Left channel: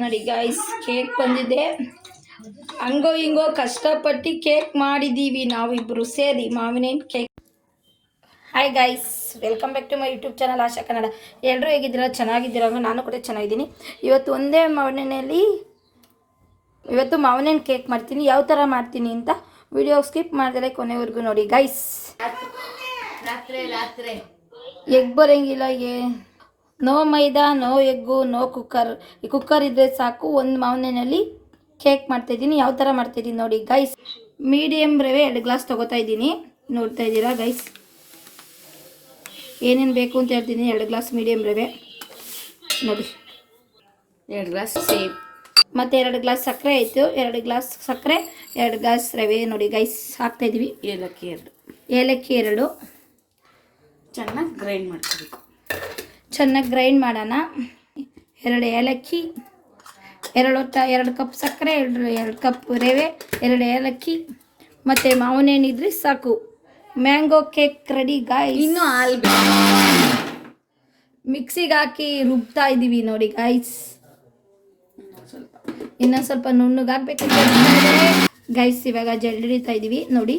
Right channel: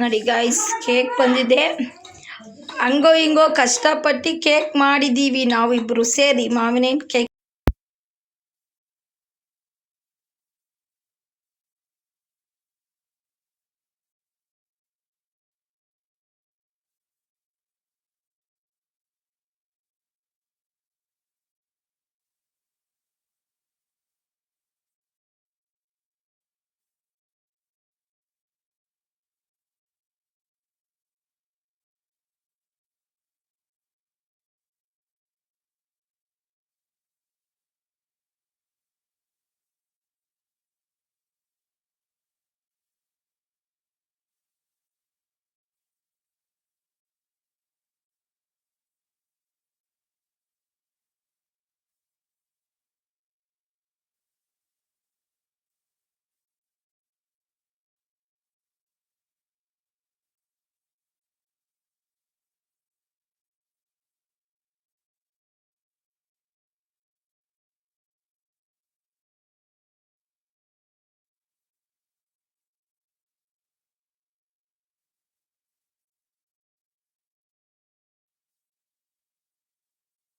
ನೋಡಿ guys, cake ಬಂದಿದೆ. ಹಂಗೋ ಹಿಂಗೋ ಕಷ್ಟಪಟ್ಟು ಕೇಕ್ ಮಾಡಿದ್ದೀವಿ ನಾವಿಬ್ಬರು ಸೇರಿ, ಮಾವಿನ cake. Hi guys, welcome back to my YouTube channel Asha Kannada. ಎಲ್ಲರೂ ಹೇಗಿದ್ದೀರಾ? ಚೆನ್ನಾಗಿದ್ದೀರಾ? ನಾನು ಕೂಡ ಚೆನ್ನಾಗಿದ್ದೀನಿ. ಇವತ್ತು ಒಂದೇ ಮಾವಿನ ಕೇಕ್ ಮಾಡ್ತೀನಿ. ಯಾವ ಥರ ಮಾಡ್ತೀನಿ ಅಂತ ವಿಡಿಯೋ ಸ್ಕಿಪ್ ಮಾಡಿದ್ರೆ ಕೊನೆವರೆಗೂ ನೋಡಿ ಗೈಸ್. ಎಗ್ ಬರೋಂಗಿಲ್ಲ, ನೋ ಮೈದಾ, ನೋ ಎಗ್ಗು, ನೋ ಕುಕ್ಕರ್. ಈ ಕುಕ್ಕರ್ ಇದ್ದರೆ ಸಾಕು. ಒಂದು ಮಾವಿನಲ್ಲಿ ಕೇಕ್ ಮಾಡ್ತಾಯಿದ್ದೀನಿ. ಯಾವ ಥರ ಮಾಡ್ತಾಯಿದ್ದೀನಿ ನೋಡಿ ಗೈಸ್. ಮೀಡಿಯಮ್ ರವೆ 2 ಗ್ಲಾಸ್ ತೊಗೋತಾ ಇದ್ದೀನಿ. ನೋಡ್ತಾ ಇದ್ದೀರಾ ಗೈಸ್, ಏನೇನು ಬೇಕು ಅಂತ ಹೇಳ್ತೀನಿ. 2 ಗ್ಲಾಸ್ ಮೀಡಿಯಮ್ ರವೆ ನೋಡಿ, 2 ಗ್ಲಾಸ್ ಸೇಮ್, ಮತ್ತು 2 ಗ್ಲಾಸ್ ಸಕ್ಕರೆ ಆಯಿತು. 2 ಗ್ಲಾಸ್ ಸಕ್ಕರೆ, 2 ಗ್ಲಾಸ್ ರವೆ ನೋಡಿ ಗೈಸ್ ಹಾಕ್ತಾಯಿದ್ದೀವಿ. ಏಲಕ್ಕಿ 2 ಚೆನ್ನಾಗಿ ಗ್ರೈಂಡ್ ಮಾಡ್ಕೋಬೇಕು. ಚೆನ್ನಾಗಿ ಗ್ರೈಂಡ್ ಮಾಡೋಣ. 2 ಏಲಕ್ಕಿ, 2 ಕಪ್ ಸಕ್ಕರೆ, 2 ಕಪ್ ರವೆ, 2 ಏಲಕ್ಕಿ ಮತ್ತು ಮಾವಿನೇನಿದ್ರೆ ಸಾಕು. Mango cake ready guys. ಇನ್ನೂ ಹಾಲು ಮಿಕ್ಸಿಗೆ ಹಾಕಿ ರುಬ್ತಾ ಇದ್ದೀವಿ ನೋಡಿ ಗಾಯ್ಸ್. ಇನ್ನೊಂದು ಸ್ವಲ್ಪ ನುಣ್ಣಗಾಗಬೇಕು ಗೈಸ್. ಇವಾಗ ಜಲ್ಡಿತಾ ಇದ್ದೀವಿ ನೋಡಿ.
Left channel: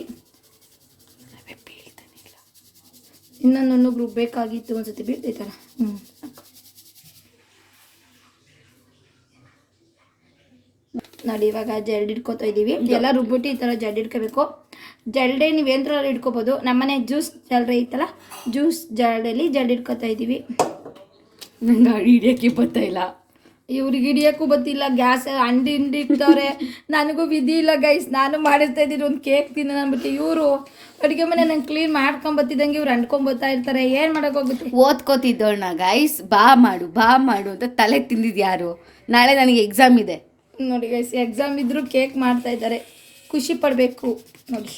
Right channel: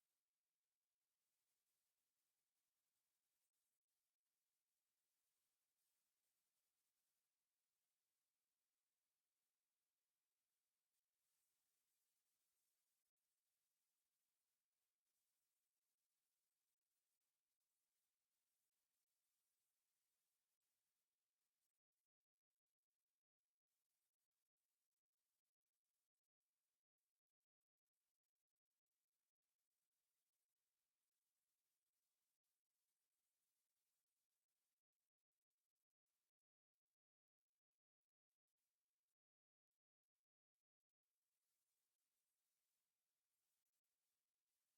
ಇನ್ನೊಂದು ನುಣ್ಣಗೆ ರುಬ್ಬೇಕಾಗಿತ್ತು, ಒಂದ್ಸತಿ ಬೀಳ್ತೈತಲ್ಲ. ನೋಡಿ ಇವಾಗ ಜಲ್ಡಿ ಇಟ್ಕೋತಾ ಇದ್ದೀವಿ. ಎಲ್ಲ ರುಬ್ಬಿಟ್ಟು ಈ ಥರ ಜಲ್ಡಿ ಇಟ್ಕೋಬೇಕು. ಜಲ್ಡೆ ನೀವು ಏನ್ರಲ್ಲಿ ಇಟ್ಕೋಬೋದು. ನಮ್ಮನೆ ಜ್ಯೂಸ್ ಜಲ್ಡೆ ಐತಲ್ಲ, ಜ್ಯೂಸ್ ಜಲ್ಡೆಯಲ್ಲಿ ಜಲ್ಡಿ ಇಟ್ಕೋತಾ ಇದ್ದೀವಿ. ನಂಗೆ ಹಿಡಿಯೋಕ್ಕೆ ಗೊತ್ತಾಯಿಲ್ಲ, ಇವ್ರಿಗೆ ಹಿಡಿಯೋಕ್ಕೂ ಗೊತ್ತಿಲ್ಲ. ಗ್ಯಾಸ್ ಅಂಡಿ ಇಟ್ಟವ್ರೆ, ನನಗೂ ವಿಧಿ ಇಲ್ಲ ಗೈಸ್. ನಾನು ಮಾಡಿಸ್ತಾ ಇದ್ದೀನಿ ಒಂದು ಕೇಕ್ ತಿನ್ನೋಣ ಅಂದ್ಬಿಟ್ಟು. ಇವರು ಅಡುಗೆ ಮನೆ ನಂಗೆ ಕ್ಲೀನ್ ಮಾಡ್ಕೊಂಬತ್ತಿದ್ದಂಗೆ ಇವ್ರು ಅಂಟ್ಕೊಂಬತ್ತಾ ಇರ್ತಾರೆ. ಏನು ಮಾಡೋಕ್ಕೋಗುತ್ತೆ? ಓದ್ಕೋತಿದ್ದೋಣ ಗೈಸ್. ಬಾ ಮಾಡು ಅಂತ ತಲೆ ತಿಂದಿದ್ದು ಯಾರು? ನಾಳೆ ನನಗೆ ಎಕ್ಸಾಮ್ ಇದೆ ನೋಡಿ ಗೈಸ್. ಎಕ್ಸಾಮ್ ಇದ್ದರೂ ಕೇಕ್ ಮಾಡ್ತಾ ಇದ್ದಾರೆ, ಖುಷಿ ಪಡಬೇಕು ನೋಡಿ.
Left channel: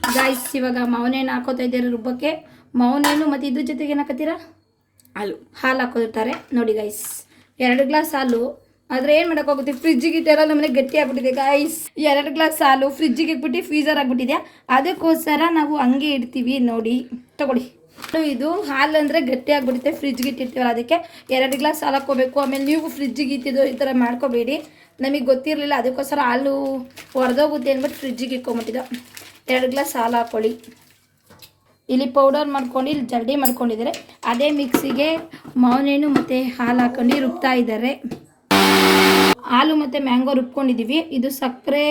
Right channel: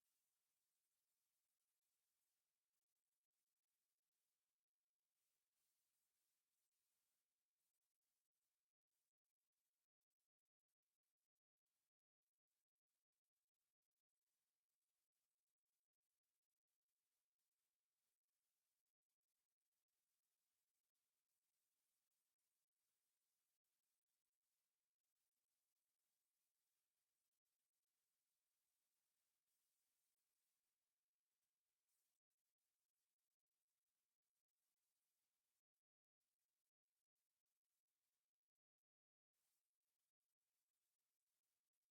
ಗಾಯ್ಸ್ ಇವಾಗ ಮಾವಿನೇನು ಹಾಕೋತಾ ಇದ್ದಾರೆ ರುಬ್ಬಕ್ಕೆ. ಮಾವಿನೇನು ಮತ್ತು ಇದ್ರ ಜೊತೆಗೆ ಏನು ಹಾಕೋತೀರಾ? ಹಾಲು ಹಾಕೋದಿರ್ತಾರೆ ನೋಡಿ ಗೈಸ್. 2 ಗ್ಲಾಸ್ ಹಾಲು. ಆದರೆ ಏನು ಮಾಡೋಕ್ಕಾಗುತ್ತೆ, ಫ್ರಿಜ್ಜಿಗೆ ಇಟ್ಟೆಲ್ಲ ನಮ್ಮನೆ ಗಟ್ಟಿ ಆಗ್ಬಿಟ್ಟಿದೆ ಗಾಯ್ಸ್. 2 ಗ್ಲಾಸ್ ಹಾಲು ಫ್ರಿಜ್ಜಿಗೆ ಇಟ್ಬಿಟ್ಟು ಫ್ರೀಝರ್ ಆಗಿಬಿಟ್ಟಿದೆ. ಅದಕ್ಕೋಸ್ಕರ ನಾವು ಹಂಗೆ ಇಡ್ತೀವಿ ನೋಡಿ. ತಗೊಳ್ಳಿ, ಇದು ಹಾಲು ಅಂದರೆ ಗಟ್ಟಿ ಆಗಿಬಿಡುತ್ತೆ, ಫ್ರಿಜ್ಗೆ ಇಟ್ಟಿರ್ತೀವಲ್ಲ ಅದಕ್ಕೆ. 2 ಗ್ಲಾಸ್ ಹಾಲು ಹಾಕ್ಕೋಬೇಕು. ಆಮೇಲೆ ನೀವು ಫ್ರಿಜ್ಜಿಗೆ ಇಟ್ಟಿದ್ದು ಈ ಥರ ಮಾಡ್ಕೋಬೇಡಿ. ನಮಗೆ ಗೊತ್ತಿರಲಿಲ್ಲ, ಅದಕ್ಕೋಸ್ಕರ ಹಾಲು ಹೊಡೆದೋಗುತ್ತೆ ಅಂದ್ಬಿಟ್ಟು ಫ್ರಿಜ್ಜಿಗೆ ಇಟ್ಕೊಂಬಿಟ್ಟಿದ್ದು. 2 ಗ್ಲಾಸ್ ಹಾಲು ಹಾಕ್ಕೊಳ್ಳಿ. ಇಲ್ಲಿ ಪೌಡರ್ ಮಾಡ್ಕೊಂಡು ಇಲ್ಲಿ ಜಲ್ಡಿ ಮಾಡ್ಕೊಂಡಿದ್ದಾರೆ. ಅದೇ ಮಿಕ್ಸಿಗೆ ಮಾವಿನೇನು ಮತ್ತು ಹಾಲು ಹಾಕೊಂಡು ರುಬ್ತಾ ಇದ್ದಾರೆ. ಹಾಲು ಮತ್ತು ಮ್ಯಾಂಗೋ ರುಬ್ಕೊಂಡಿದ್ದೀವಿ. ಇದು ಸಕ್ಕರೆ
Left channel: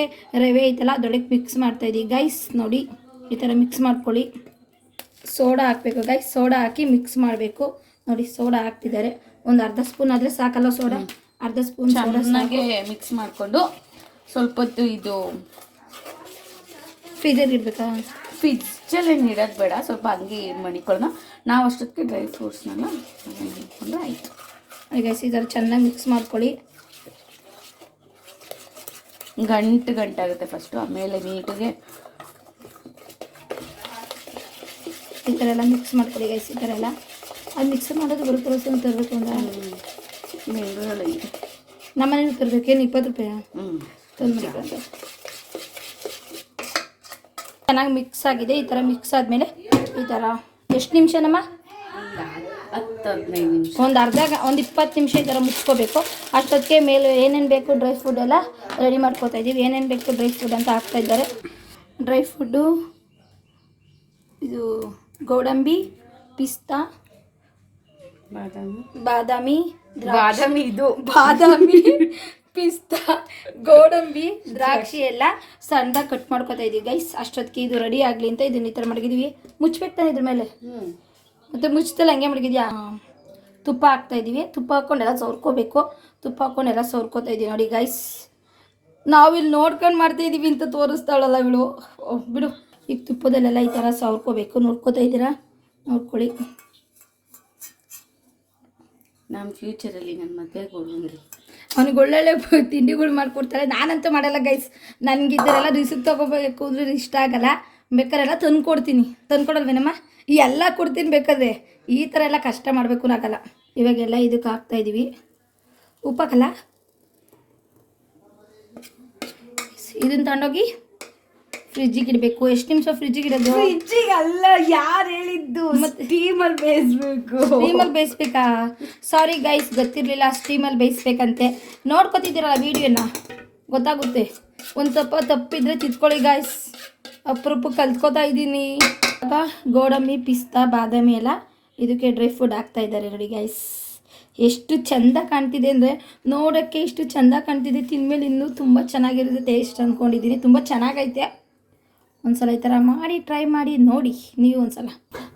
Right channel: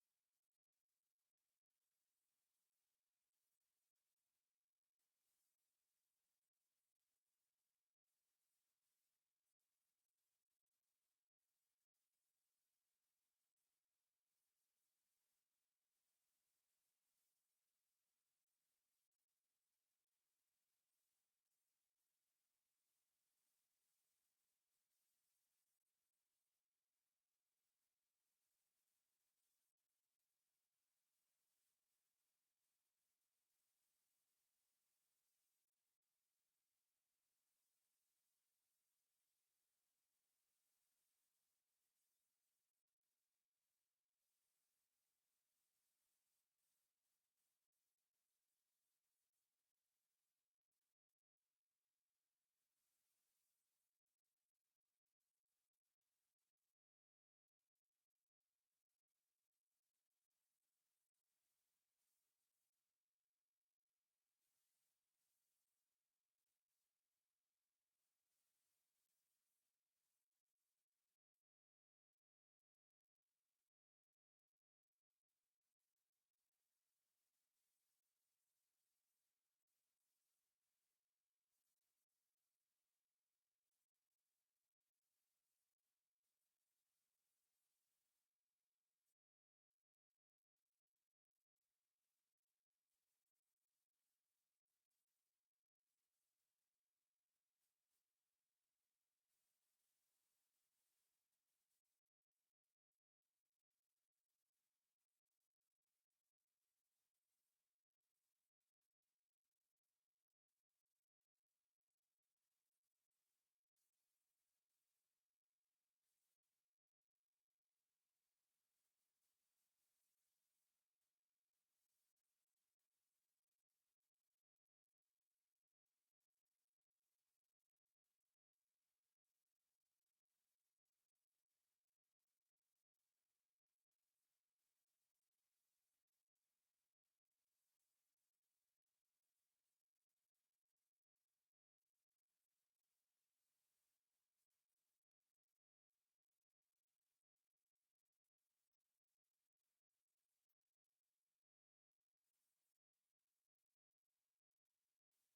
ರವೆ ಐತಲ್ಲ ಅದೊಳಗೆ ಮಿಕ್ಸ್ ಮಾಡ್ತಾಯಿದ್ದೀವಿ ಗೈಸ್ ನೋಡಿ. ಈ ಥರ ಮಿಕ್ಸ್ ಮಾಡ್ಕೊಳ್ಳಿ. ಸೋಡಾ ಹಾಕಬೇಕು ಗೈಸ್. ಸೋಡಾ ಹಾಕಿ ಮಿಕ್ಸ್ ಮಾಡಬೇಕು ನೋಡಿ. ಸೋಡಾ ಹಾಕ್ತಿದ್ದಾರೆ. ಒಂದು ಅರ್ಧ ಸ್ಪೂನ್ ಆದರೆ ಸಾಕಲ್ಲ ಸೋಡಾ? ಅರ್ಧ ಸ್ಪೂನ್ ಚೆನ್ನಾಗಿ ಮಿಕ್ಸ್ ಮಾಡಿಕೊಂಡು ಸ್ವಲ್ಪ ಹೊತ್ತು ಇದು ಫ್ರೀಜರ್ ಇಡಬೇಕಾ? ಫ್ರಿಜ್ಜಲ್ಲಿ ಇಡೋದು ಬೇಡ, ಸ್ವಲ್ಪ ಹಂಗೆ ಮಣಿಕೊಳ್ಳೋಣ. ನಾವು ಅಷ್ಟೊತ್ತಿಗೆ ಡ್ರೈ ಫ್ರೂಟ್ಸ್ನೆಲ್ಲ ಮಾಡಿಕೊಂಡ್ರೆ ಆಯಿತು. ಗೈಸ್ ಈ ಥರ ಚೆನ್ನಾಗಿ ಮಿಕ್ಸ್ ಮಾಡ್ಕೊಳ್ಳಿ. ಗಂಟಾಗುತ್ತೆ ಫಸ್ಟು, ಆಮೇಲೆ ನೀಟಿಗೆ ಈ ಥರ ಎಲ್ಲ ಮಿಕ್ಸ್ ಮಾಡ್ಕೊಳ್ಳಿ ಗೈಸ್. ಈ ಥರ ಎಲ್ಲ ಅದು ಮಿಕ್ಸ್ ಮಾಡೋದು ಬರುತ್ತೆ. ತರಬೇಕು ಅಂತ ಬೆಂಗಳೂರಲ್ಲಿ ನಮ್ಮನೇಲಿ ತರಬೇಕೇನು? 20 ರೂಪಾಯಿ ತಂದು ಚೆನ್ನಾಗಿ ಮಿಕ್ಸ್ ಆಗಿದೆ. ಈ ಥರ ಮಿಕ್ಸ್ ಆದಮೇಲೆ ಈ ಥರ ಎಷ್ಟು ನಿಮಿಷ ನಮ್ಮ? 10-15 ನಿಮಿಷ, ಒಂದು 20 ನಿಮಿಷ ಈ ಥರ ಮುಚ್ಕೋಬೇಕು. ಅಷ್ಟೊತ್ತಿಗೆ ಮೇಲೆ ಏನೇನು ಬೇಕು ಡ್ರೈ ಫ್ರೂಟ್ ಎಲ್ಲ ರೆಡಿ ಮಾಡ್ಕೋತಾ ಇದ್ದೀವಿ. ಏನೇನು ಬೇಕು ಡ್ರೈ ಫ್ರೂಟ್ ಅಂತ ಹಾಕ್ತಾ ಇದ್ದಾರೆ. ಡ್ರೈ ಫ್ರೂಟು ಇದು ಗೋಡಂಬಿ, ಪಿಸ್ತಾ, ಬಾದಾಮಿ, ಪಿಸ್ತಾ, ಗೋಡಂಬಿ, ದ್ರಾಕ್ಷಿ ಎಲ್ಲ ಸಣ್ಣದಾಗಿ ಕಟ್ ಮಾಡ್ಕೊತಾ ಇದ್ದೀವಿ ಗೈಸ್. ಅಷ್ಟೊತ್ತಿಗೆ ಇದು ರೆಡಿ ಆಗಲಿ ಅಂತ ಇದನ್ನ ಈ ಥರ ಮಡಗಿದ್ದೀವಿ. ಮುಚ್ಚಬೇಕು ತಾನೆ ಇದ್ರ ಮೇಲೆ? ಮತ್ತು ಮುಚ್ಚತಲ್ಲ ಹಂಗೆ ಮಡಗಿದ್ಯಾ? ತುಪ್ಪ ಹಾಕ್ತಾಯಿದ್ದೀವಿ. ತುಪ್ಪ ಹಾಕ್ಕೊಂಡೆಲ್ಲ ಸವರ್ಕೋಬೇಕು. ತುಪ್ಪ ಹಾಕ್ಕೊಂಡೆಲ್ಲ ಸವರ್ಕೋತಾ ಇದ್ದೀವಿ ನೋಡಿ ಗೈಸ್. ನಾವಿಲ್ಲಿ ನೋಡ್ಕೊಂಡು ಮಾಡ್ತಾಯಿದ್ದೀವಿ ಅಂತ ತೋರಿಸ್ತಾಳಲ್ಲ ಇವಳು. ಬಿಡು. ಈಗ ತುಪ್ಪದಲ್ಲೆಲ್ಲ ಈ ಥರ ಸವರ್ಕೋಬೇಕು. ನೋಡ್ಕೋತಾ ಇದ್ದೀರಾ? ನೋಡ್ಕೊಳ್ಳಿ. ನಮ್ಮ ಫ್ಯೂಚರಲ್ಲಿ ನನ್ನ ಮದುವೆಗೆ ಹೋಗಂಗಿಲ್ಲ. ಅವ್ನಿಗೆ ಒಳ್ಳೊಳ್ಳೆ ತಿಂಡಿಗಳು ಮಾಡಿಕೊಡ್ತಾರೆ. ನಾನಂತೂ ಮಾಡಲ್ಲ ಗೈಸ್. ನನಗಿದ್ದರೆಲ್ಲ ರಿಸಿಪ್ಟ್ ತೊಗೋಬೇಕು ಅಂದ್ರೆ ಇಷ್ಟ ಆಗಲ್ಲ. ಬೇಕಾರೆಲ್ಲ ತಂದು ಕೊಡ್ತೀನಿ. ತಂದು ಕೊಡಲ್ವೇನಮ್ಮ? ಎಲ್ಲ ಕೊಡ್ತೀನಿ ಬೇಕಾದ್ರೆ. ಈ ಥರ ಎಲ್ಲ ಕಷ್ಟ ಮಾಡಬೇಕು ಅನ್ನೋಕ್ಕಲ್ಲ. ಇವಾಗೆಲ್ಲ ಇದಕ್ಕೆ ಹಾಕ್ತಾಯಿದ್ದೀವಿ. ಉಪ್ಪಾಕಲ್ಲ, ಇದನ್ನು ತಗೊಂಡೋಗಿ ಫ್ರಿಜ್ಜಿಗೆ ಇಡಬೇಕು. ಎಷ್ಟು ನಿಮಿಷ ಫ್ರಿಜ್ಜಿಗೆ ಇಡೋದು? ಫ್ರಿಜ್ಜಿಗೆ ಅಲ್ಲ, ಯಾರು ಹೇಳಿದ್ದು? ಮತ್ತೆ ಸ್ಟೀಮಲ್ಲಿ ಬೇಯಿಸ್ಬೇಕು. ಸ್ಟೀಮಲ್ಲಿ ಬೇಯಿಸ್ಬೇಕಾ? ಸಾರಿ ಗೈಸ್, ಗೊತ್ತಿರಲಿಲ್ಲ ಸ್ಟೀಮಲ್ಲಿ ಬೇಯಿಸ್ಬೇಕಂತೆ. ನೋಡ್ಕೊತಿದ್ದೀರಲ್ಲ ವೀಡಿಯೋನ, ಗೊತ್ತಾಗುತ್ತೆ. ಒಂದು ಸ್ವಲ್ಪ ತಪ್ಪಿದ್ರೆ ತಿದ್ಕೊಳ್ಳಿ ಗಾಯ್ಸ್, ಅಪರೂಪ ಕಲ್ತ್ಕೋತಾ ಇದ್ದೀನಿ. ಗೋಡಂಬಿ, ಪಿಸ್ತಾ, ಬಾದಾಮಿ ಎಲ್ಲ ಇದಕ್ಕೆ ಡ್ರೈ ಫ್ರೂಟ್ ಹಾಕ್ತಾ ಇದ್ದಾರೆ ನೋಡಿ ಗೈಸ್. ಎಷ್ಟು ಚೆಂದ ಕಾಣ್ತಿದೆ ಅಂದರೆ, ನೋಡೋಕ್ಕೆ ಎಷ್ಟು ಚೆಂದ ಕಾಣ್ತಿದೆ, ತಿಂದಮೇಲೆ ಇನ್ನೂ ತುಂಬ ಚೆನ್ನಾಗಿರುತ್ತೆ ಟೇಸ್ಟ್ ಅಂದ್ಕೊಂಡಿದ್ದೀನಿ. ತುಂಬ ಚೆನ್ನಾಗೈತೆ. ಒಂದ್ಸಲ ಈ ಥರ ಮಾಡಿ ಟ್ರೈ ಮಾಡಿ ನೋಡಿ ನೀವು ಒಂದ್ಸಲ.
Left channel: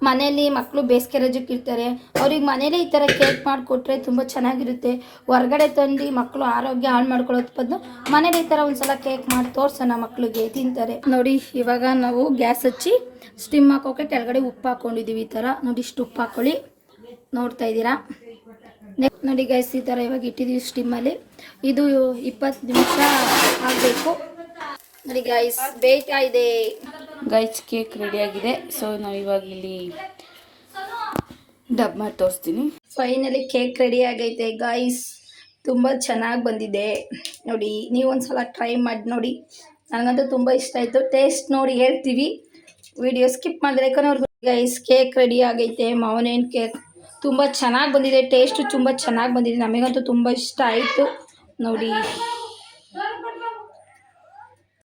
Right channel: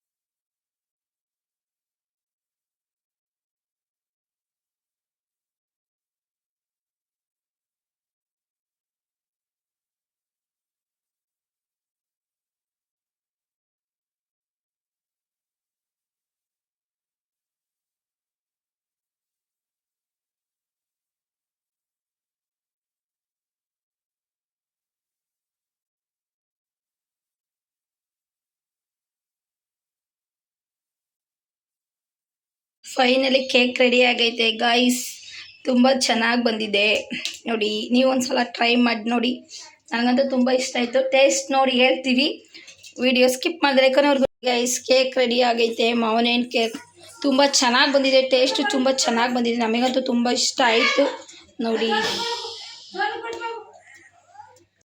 ಮನೇಲಿ ಮಕ್ಕಳು ಬೇಸಿಗೆ ರಜಕ್ಕೆ ಇರ್ತಾರೆ, ಅವ್ರಿಗೆ ಮನೇಲೇ ಈ ಥರ ಕೇಕ್ ಮಾಡಿಕೊಟ್ರೆ ತುಂಬ ಚೆನ್ನಾಗಿರುತ್ತೆ. ಹೊರ್ಗಡೆ ತಂದು ಮಕ್ಕಳು ಆರೋಗ್ಯ ಹಾಳು ಮಾಡ್ಕೊಳ್ಳೋದು ಬದಲು ಮನೇಲಿ ಈ ಥರ ಒಂದ್ಸಲ ಕೇಕ್ ಮಾಡಿ ತೋರ್ಸೋಣ, ಮಕ್ಕಳಿಗೆ ತಿಂತಾರೆ. ನೋಡಿ ಇವಾಗ ನಾವು ಗ್ಯಾಸ್ ಹಚ್ಚಿ ಸ್ಟಿಮ್ ಹಾಕೋಕೆ ಕೆಳಗಡೆ ಉಪ್ಪು ಹಾಕ್ಕೊಂಡಿದ್ದೀವಿ. ಈ ಥರ ನೋಡಿ, ಇಷ್ಟು ಉಪ್ಪು ಹಾಕ್ಕೊಳ್ಳಿ, ನೋಡ್ತಾ ಇದ್ದೀರಾ. ನೋಡಿ ಗೈಸ್, ಈ ಥರ ಇವಾಗ ಇಟ್ಟಿದ್ದೀವಿ ಸ್ಟಿಮ್ಮಲ್ಲಿ. ಇದು 20 ನಿಮಿಷ ಆಗಬೇಕು ನೋಡಿ ಗೈಸ್, ಬೇಯ್ತಾ ಇದೆ. ಗೈಸ್ ಕೇಕ್ ರೆಡಿ ಆಗಿದೆ. ಸೊ ನಾವು ಇವಾಗ ಇಲ್ಲಿ ಡಬ್ ಮಾಡಿ ತೋರಿಸ್ತೀನಿ. ಫೈನಲಿ ಕೇಕ್ ರೆಡಿ ಆಗೈತೆ ಗೈಸ್, ತುಂಬ ಚೆನ್ನಾಗಿ ಬಂದಿದೆ ನೋಡಿ. ನೀವು ಒಂದ್ಸಲ ಟ್ರೈ ಮಾಡಿ ನೋಡಿ, ನನಗಂತೂ ತುಂಬ ಇಷ್ಟ ಆಯಿತು. ಟೇಸ್ಟ್ ನೋಡಿ ಹೇಳ್ತೀವಿ, ವಿಡಿಯೋ ಸ್ಕಿಪ್ ಮಾಡಿದ್ರೆ ಕೊನೆವರೆಗೂ. ಗೈಸ್ ಕೇಕ್ ರೆಡಿ ಆಗೈತೆ, ಮಾವಿನ ಕೇಕ್ ತುಂಬ ಚೆನ್ನಾಗಿ ಬಂದಿದೆ, ಟೇಸ್ಟು ತುಂಬ ಚೆನ್ನಾಗಿ ಬಂದಿದೆ. ನಮಗಂತೂ ತುಂಬ ಇಷ್ಟ ಆಯಿತು ನೋಡಿ.